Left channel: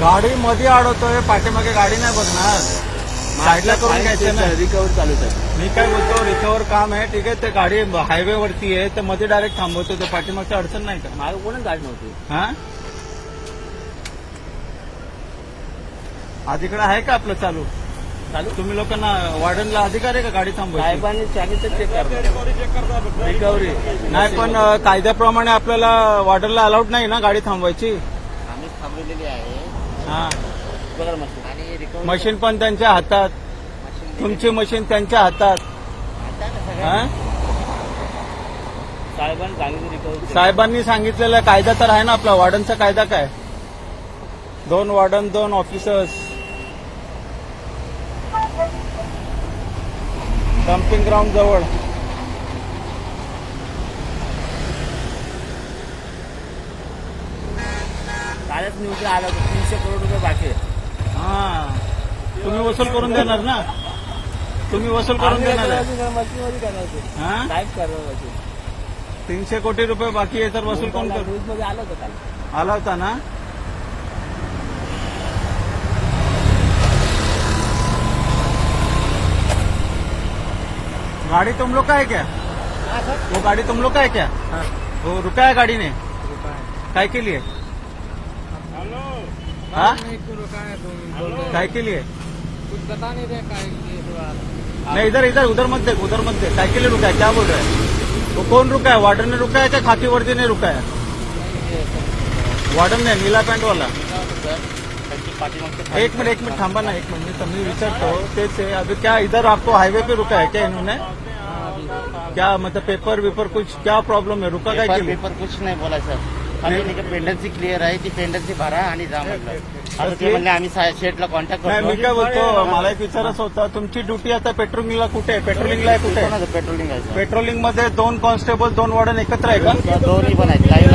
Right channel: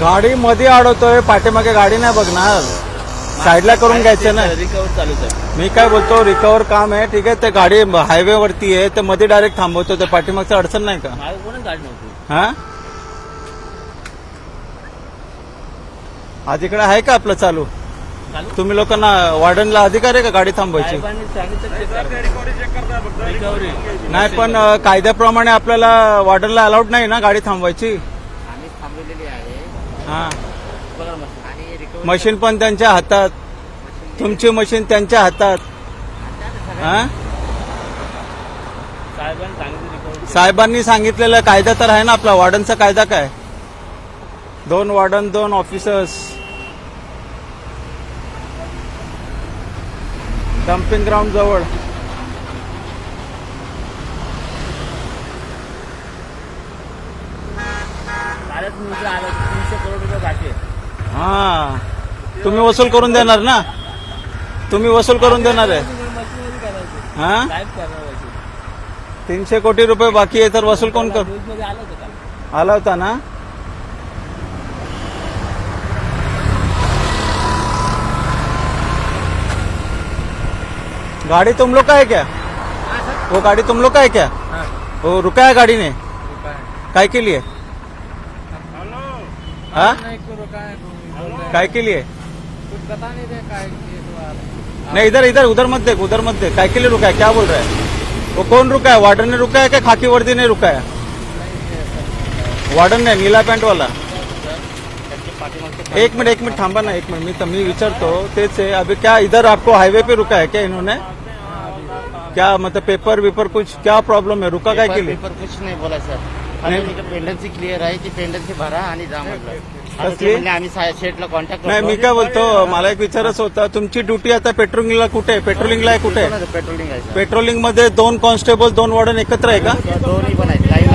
गाडी मध्ये अडवतोय, पाठीमागे गाडी नाही बघणार, साईडला करून घ्यायचं ना. रिकवर चालू आहे. मी काय बोलतो, रिकवर काम आहे ठीक आहे, ते गाडी हायवे वरती आहे तर मध्ये डायरेक्ट थांबवतो, तर पाठीमागचं अडचण नाही का? मागे कोण गाडी नव्हती. हा आज इकडे आहे का आपलं चालू? चालू तुम्ही लोकांना वार्डनला अधिकार आहे का गाडी थांबवायची? साहेबांनी सांगितलं चेक करा. रिकव्हरी नाही, पण कायद्याप्रमाणे आपल्याला वार्डनला अलाउड नाही ना गाडी थांबवायची. आम्ही थांबवलेली आहे हा. बघा मस्त. आणि रिकव्हरी मशीन पण त्यांच्या हातात, तुमची मशीन त्यांच्या हातात. हा? साहेबांनी सांगितलं रिकव्हरी. साहेबांनी सांगितलेला कायदा तर आहे ना आपला, वार्डनचा कायदा काय? 2 वार्डन 2 ऑफिसर्स. डम्पिंग ग्राउंड जवळ. कालच न्यूजला आला 300 करोड रुपये बाकी आहे. हा, तुम्ही वसूल करून देणार ना? तुम्ही वसूल करून देणार आहे? मशीनमध्ये करायचे. हा, काहीच करायचं. 300 कोटी रुपये बाकी आहे तर वसूल कोण कर? न्यूजमध्ये आलं होतं काल. आला होता ना? गाड़ी तुम लोग का है क्या? वो गाड़ी तुम लोग का है क्या? हाँ. वो रुका है गाड़ी ने काय के लिए? हाँ? नहीं क्यों रुका है तो काय के लिए? कुछ बता नहीं रहे काय नहीं, इधर इधर उधर मत देख, उधर मत देख. काय के लिए रुका है, क्या बोल रहा है? वो कौन रुका है? वार्डन ने रुका है क्या खाकी वर्दी ने रुका है? वार्डन ने, नीला पॅन्ट वाला. एक मिनट थांबा ना, एक मिनट मी विचारतो तेच है. अभी क्या इधर आपको हाईवे पे रुका है क्या इन्होंने? क्या मतलब पेपर वेपर कुछ क्या प्रॉब्लम है? रुका काय के लिए? पेपर कुछ नाही बोला सर. पेंडन्सी क्लिअर आहे की पेंडन्सी भरा आणि जा म्हटलं. आता कसली? ते म्हणले आम्ही सेटला कॉन्टॅक्ट नाही, मी काय बोलतो, मला एक विचारायचं होता, तुमची ड्युटी आता पेट्रोलिंगला कुठे आहे? पेट्रोलिंगला आहे कुठे? पेट्रोलिंग आहे पेट्रोलिंग मध्ये 2 कॉन्स्टेबल 2 वार्डन एकत्र आहे का? त्या दोन्ही पण आहेत. लाईन